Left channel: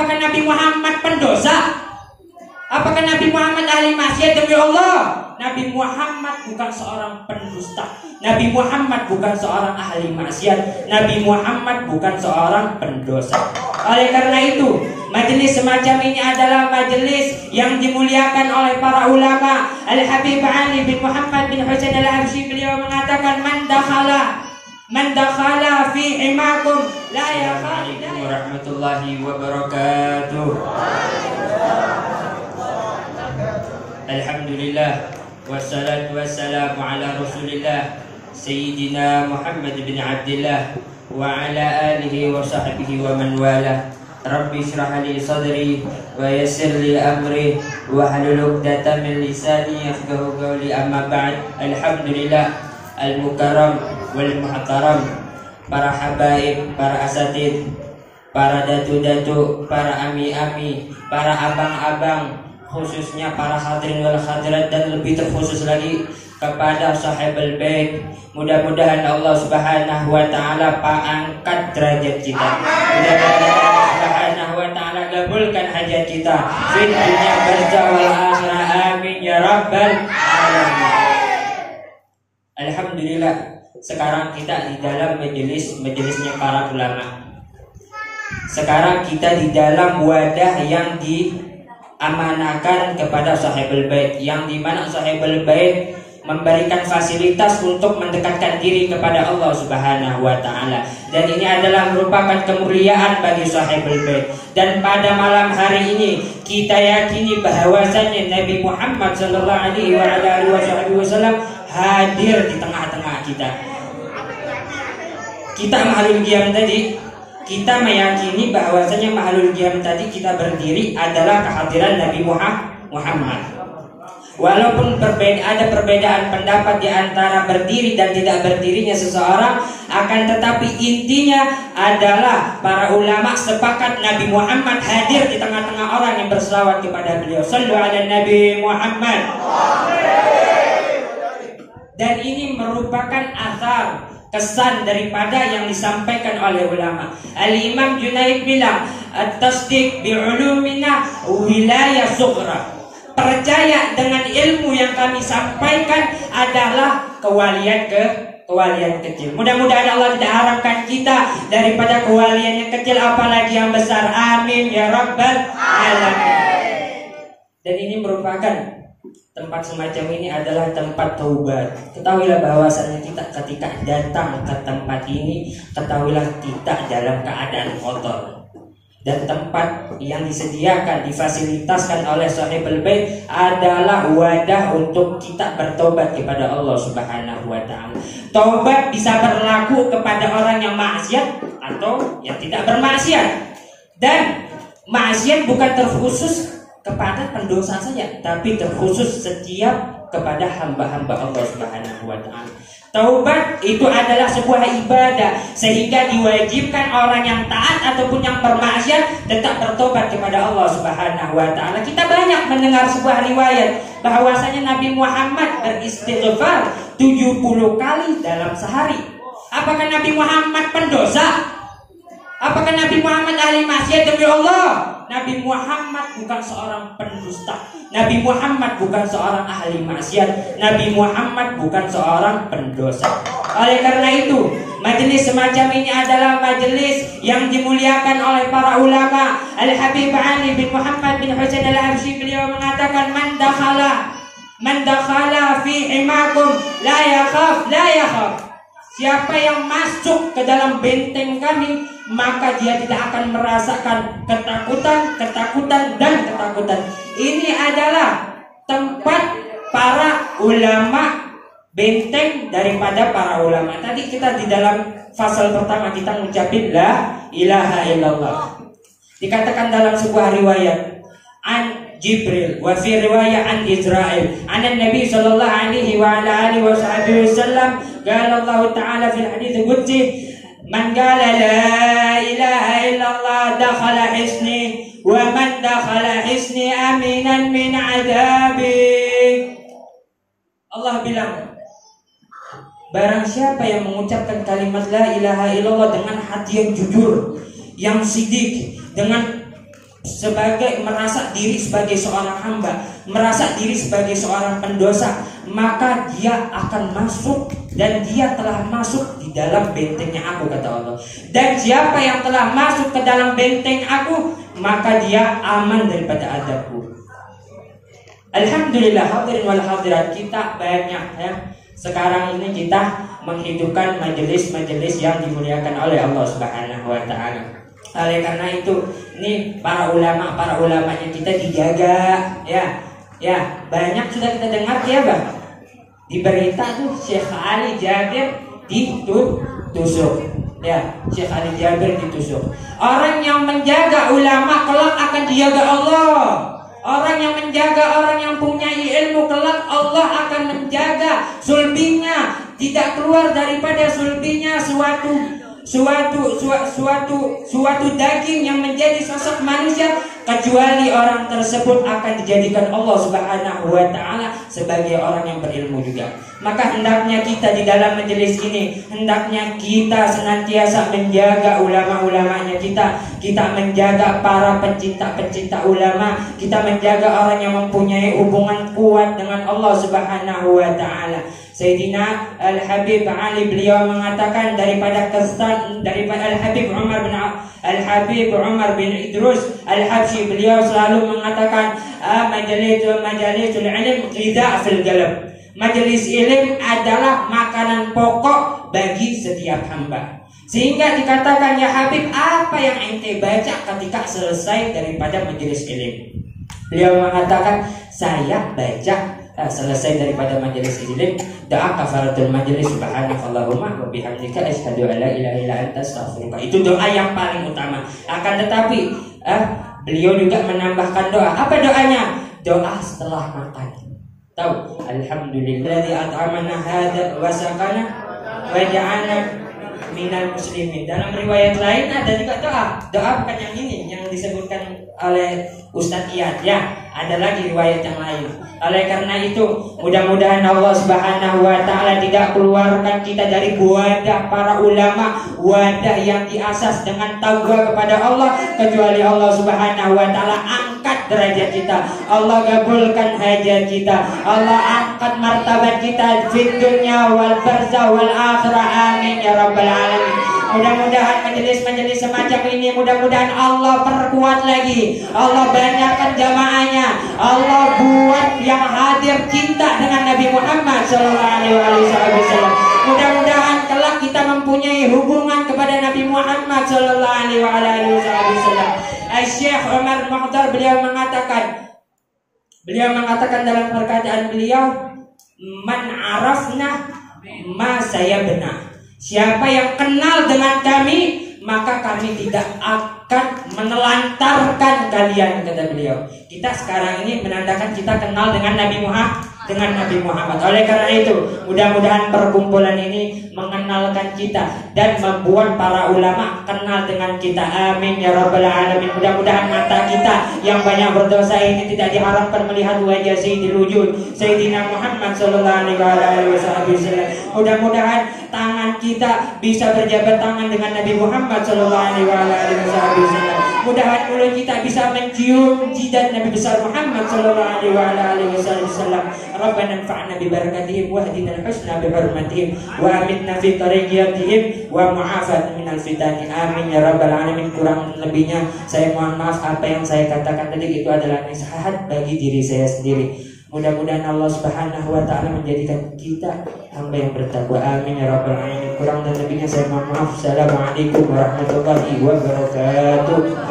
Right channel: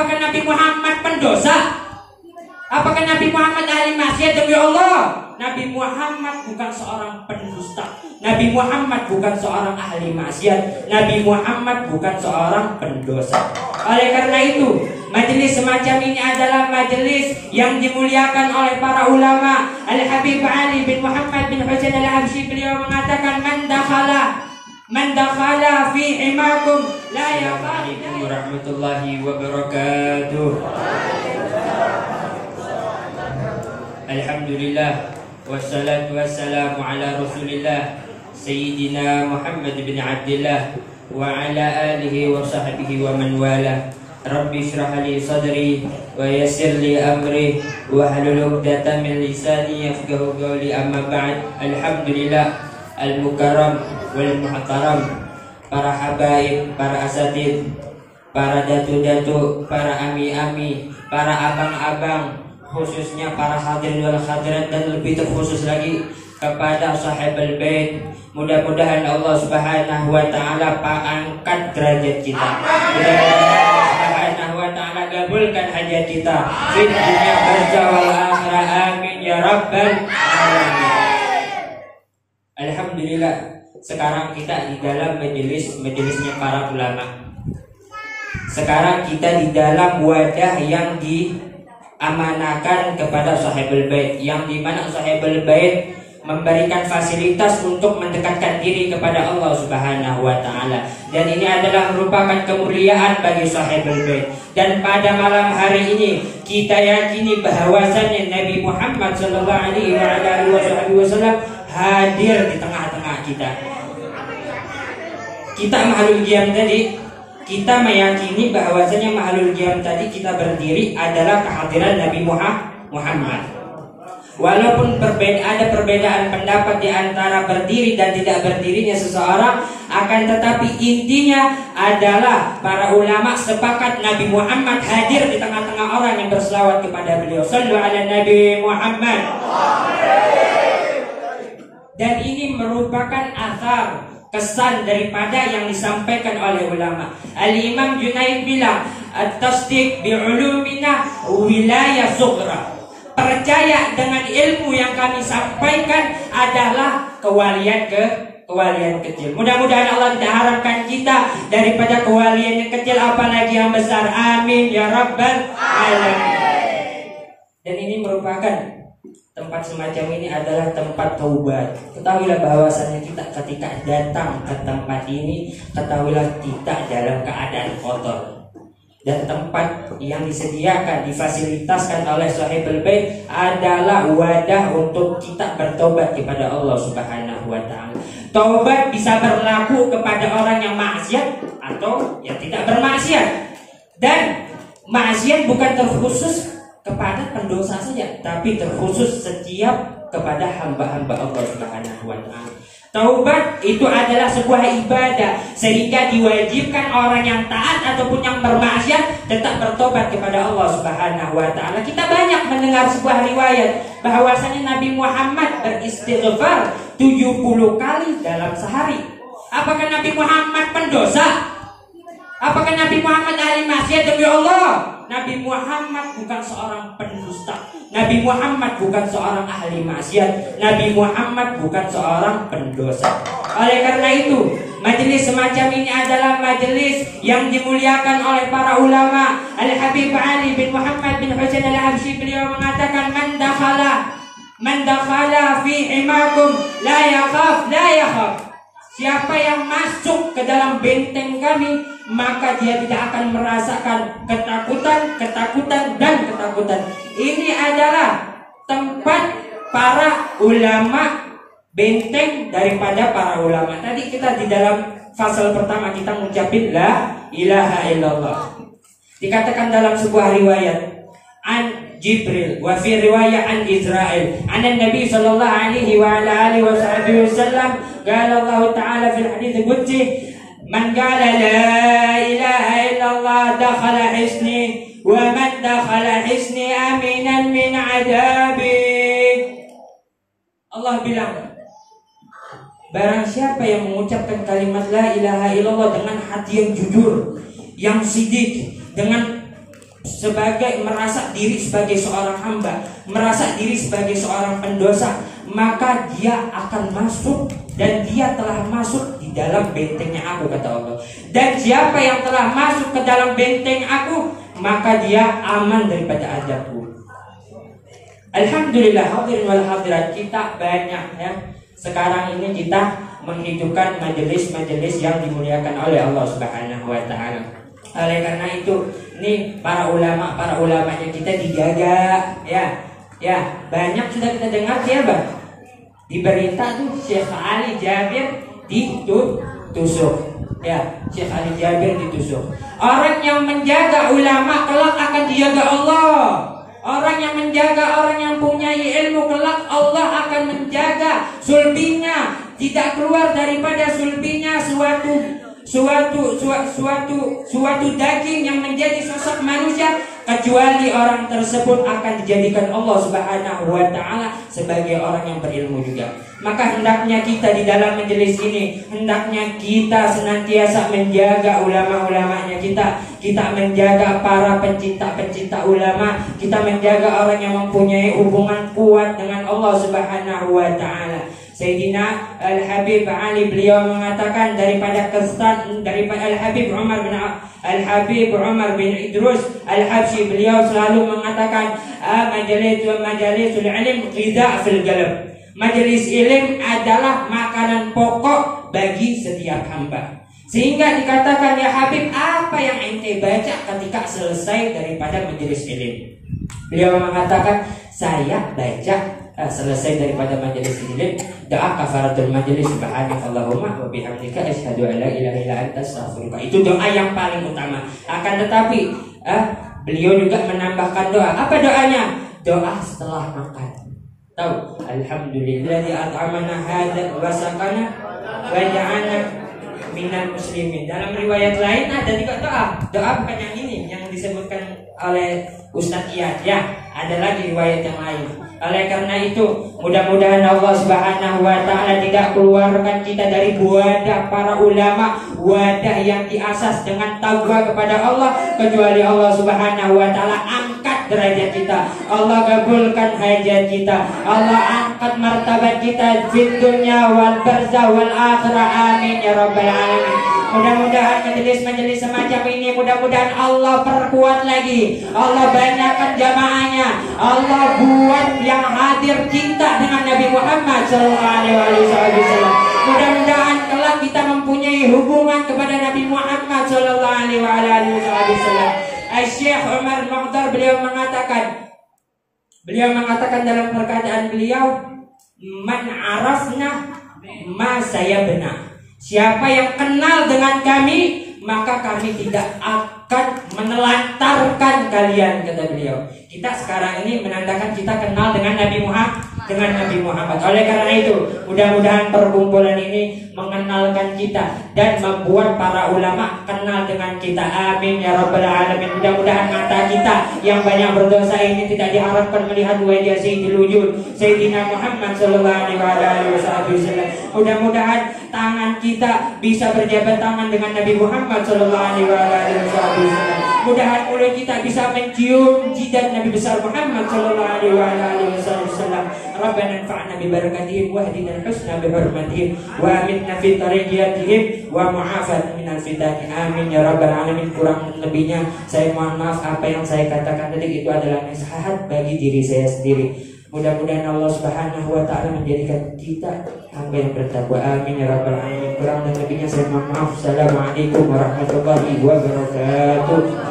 Apakah Nabi Muhammad pendosa? Apakah Nabi Muhammad ahli maksiat demi Allah? Nabi Muhammad bukan seorang pendusta. Nabi Muhammad bukan seorang ahli maksiat. Nabi Muhammad bukan seorang pendosa. Oleh karena itu, majelis semacam ini adalah majelis yang dimuliakan oleh para ulama. Al-Habib Ali bin Muhammad bin Husain al-Habsyi, beliau mengatakan, Man dakhala fi imakum la yaqul. Assalamualaikum warahmatullahi wabarakatuh. Alhamdulillah, wassalatu wassalamu ala Rasulillah Sayyidina Muhammad bin Abdillah wa ala alihi wa sahbihi wa man wala. Rabbi shrah li sadri wa yassir li amri wa hlul 'uqdatam min lisani yafqahu qawli. Amma ba'd. Alhamdulillah al-mukarram wal muhtaram, para habaib, para asatid, para datu-datu, para ami-ami, para abang-abang, khususnya para hadirin wal hadirat, dan lebih terkhusus lagi kepada sahibul bait. Mudah-mudahan Allah Subhanahu wa taala angkat derajat kita. Mudah-mudahan Allah Subhanahu wa taala kabulkan hajat kita di dunia barzakh wal akhirah. Amin ya rabbal alamin. Alhamdulillah, sekarang kita di dalam majelisnya para ulama. Sekarang kita di dalam wadah yang diamanahkan kepada sahibul bait, yang dimana sahibul bait memberikan fasilitas untuk mendekatkan diri kepada Allah Subhanahu wa taala. Dan ini adalah merupakan kemuliaan bagi sahibul bait. Dan pada malam hari ini kita yakini bahwasanya Nabi Muhammad sallallahu alaihi wasallam hadir di tengah-tengah kita. Kita makhluk qiyam tadi, kita meyakini bahwasanya makhluk qiyam tadi kita berdiri adalah kehadiran Nabi Muhammad. Walaupun ada perbedaan pendapat di antara berdiri dan tidak berdirinya seseorang, akan tetapi intinya adalah para ulama sepakat Nabi Muhammad hadir di tengah-tengah orang yang berselawat kepada beliau. Shallu ala Nabi Muhammad. Dan ini merupakan asar, kesan daripada yang disampaikan oleh ulama. Al-Imam Junaid bilang, at-tasdiq bi'ulumina wilayah sughra. Percaya dengan ilmu yang kami sampaikan adalah kewalian kecil. Mudah-mudahan Allah tidak harapkan kita daripada kewalian yang kecil, apalagi yang besar. Amin ya rabbal alamin. Dan ini merupakan tempat semacam ini adalah tempat taubat. Ketahuilah bahwasanya kita ketika datang ke tempat ini, ketahuilah kita dalam keadaan kotor. Dan tempat yang disediakan, difasilitaskan oleh sahibul bait adalah wadah untuk kita bertobat kepada Allah Subhanahu wa taala. Taubat bisa berlaku kepada orang yang maksiat atau yang tidak bermaksiat. Dan maksiat bukan terkhusus kepada pendosa saja, tapi terkhusus setiap kepada hamba-hamba Allah Subhanahu wa taala. Taubat itu adalah sebuah ibadah, sehingga diwajibkan orang yang taat ataupun yang bermaksiat tetap bertobat kepada Allah Subhanahu wa taala. Kita banyak mendengar sebuah riwayat bahwasanya Nabi Muhammad beristighfar 70 kali dalam sehari. Apakah Nabi Muhammad pendosa? Apakah Nabi Muhammad ahli maksiat demi Allah? Nabi Muhammad bukan seorang pendusta. Nabi Muhammad bukan seorang ahli maksiat. Nabi Muhammad bukan seorang pendosa. Oleh karena itu, majelis semacam ini adalah majelis yang dimuliakan oleh para ulama. Al-Habib Ali bin Muhammad bin Husain al-Habsyi, beliau mengatakan, Man dakhala fi imakum la yakhaf. Siapa yang masuk ke dalam benteng kami, maka dia tidak akan merasakan ketakutan. Ini adalah tempat para ulama, benteng daripada para ulama. Tadi kita di dalam fasal pertama kita mengucapkan la ilaha illallah. Dikatakan dalam sebuah riwayat an Jibril wa fi riwayat an Israil an Nabi sallallahu alaihi wa alihi wasallam qala Allah taala fil hadits qudsi man qala la ilaha illallah dakhala hisni wa man dakhala hisni aminan min adabi. Allah bilang, barang siapa yang mengucapkan kalimat la ilaha illallah dengan hati yang jujur, yang sidik, dengan sebagai merasa diri sebagai seorang hamba, merasa diri sebagai seorang pendosa, maka dia akan masuk, dan dia telah masuk di dalam bentengnya aku, kata Allah. Dan siapa yang telah masuk ke dalam benteng aku, maka dia aman daripada azabku. Alhamdulillah, hadirin wal hadirat, kita banyak ya. Sekarang ini kita menghidupkan majelis-majelis yang dimuliakan oleh Allah Subhanahu wa taala. Oleh karena itu, nih para ulamanya kita dijaga ya. Ya, banyak sudah kita dengar ya, Bang. Di berita tuh Syekh Ali Jabir ditusuk. Ya, Syekh Ali Jabir ditusuk. Orang yang menjaga ulama kelak akan dijaga Allah. Orang yang menjaga, orang yang punya ilmu kelak Allah akan menjaga sulbinya, tidak keluar daripada sulbinya suatu daging yang menjadi sosok manusia, kecuali orang tersebut akan dijadikan Allah Subhanahu wa taala sebagai orang yang berilmu juga. Maka hendaknya kita di dalam majelis ini, hendaknya kita senantiasa menjaga ulama-ulamanya kita menjaga para pencinta ulama, kita menjaga orang yang mempunyai hubungan kuat dengan Allah Subhanahu wa taala. Sayyidina Al-Habib Ali beliau mengatakan daripada Al-Habib Umar bin Idrus Al-Habsyi, beliau selalu mengatakan majalisul ilm ghidha fil qalb. Majelis ilmu adalah makanan pokok bagi setiap hamba. Sehingga dikatakan, ya Habib, apa yang ente baca ketika selesai daripada majelis ilmu? Beliau mengatakan, saya baca selesai daripada majelis ilmu doa kafaratul majelis, subhanakallahumma wa bihamdika asyhadu an la ilaha illa anta astaghfiruka. Itu doa yang paling utama. Akan tetapi beliau juga menambahkan doa. Apa doanya? Doa setelah makan. Tahu, alhamdulilladzi at'amana hadza wa saqana wa ja'alna minal muslimin. Dalam riwayat lain ada juga doa bukan yang ini yang disebutkan oleh Ustaz Iyad ya, ada lagi riwayat yang lain. Oleh karena itu, mudah-mudahan Allah Subhanahu wa taala tidak keluarkan kita dari wadah para ulama, wadah yang diasas dengan taqwa kepada Allah, kecuali Allah Subhanahu wa taala angkat derajat kita, Allah kabulkan hajat kita, Allah angkat martabat kita di dunia wal barzah wal akhirah, amin ya rabbal alamin. Mudah-mudahan majelis-majelis semacam ini, mudah-mudahan Allah perkuat lagi, Allah banyakkan jamaahnya, Allah buat yang hadir cinta dengan Nabi Muhammad SAW. Mudah-mudahan kelak kita mempunyai hubungan kepada Nabi Muhammad SAW. Syekh Umar Mukhtar beliau mengatakan dalam perkataan beliau, man arafna ma saya benar. Siapa yang kenal dengan kami, maka kami tidak akan menelantarkan kalian, kata beliau. Kita sekarang ini menandakan kita kenal dengan Nabi Muhammad. Oleh karena itu, mudah-mudahan perkumpulan ini mengenalkan kita dan membuat para ulama kenal dengan kita. Amin ya rabbal alamin. Mudah-mudahan mata kita yang banyak berdosa ini tidak diharapkan melihat wajah Sayyidil Wujud Sayyidina Muhammad sallallahu alaihi wasallam. Mudah-mudahan tangan kita bisa berjabat tangan dengan Nabi Muhammad sallallahu alaihi wasallam. Mudah-mudahan mulut kita bisa mencium jidat Nabi besar Muhammad sallallahu alaihi wasallam. Rabbana anfa'na bi barakatihim wa hdina al-husna bi hurmatihim wa amitna fi tariqatihim wa mu'afat minal fitani. Amin ya rabbal alamin. Kurang lebihnya saya mohon maaf, apa yang saya katakan tadi itu adalah nasihat bagi diri saya sendiri. Mudah-mudahan Allah Subhanahu wa taala menjadikan kita hamba yang bertakwa. Amin ya rabbal alamin. Kurang dan lebihnya saya mohon maaf. Assalamualaikum warahmatullahi wabarakatuh.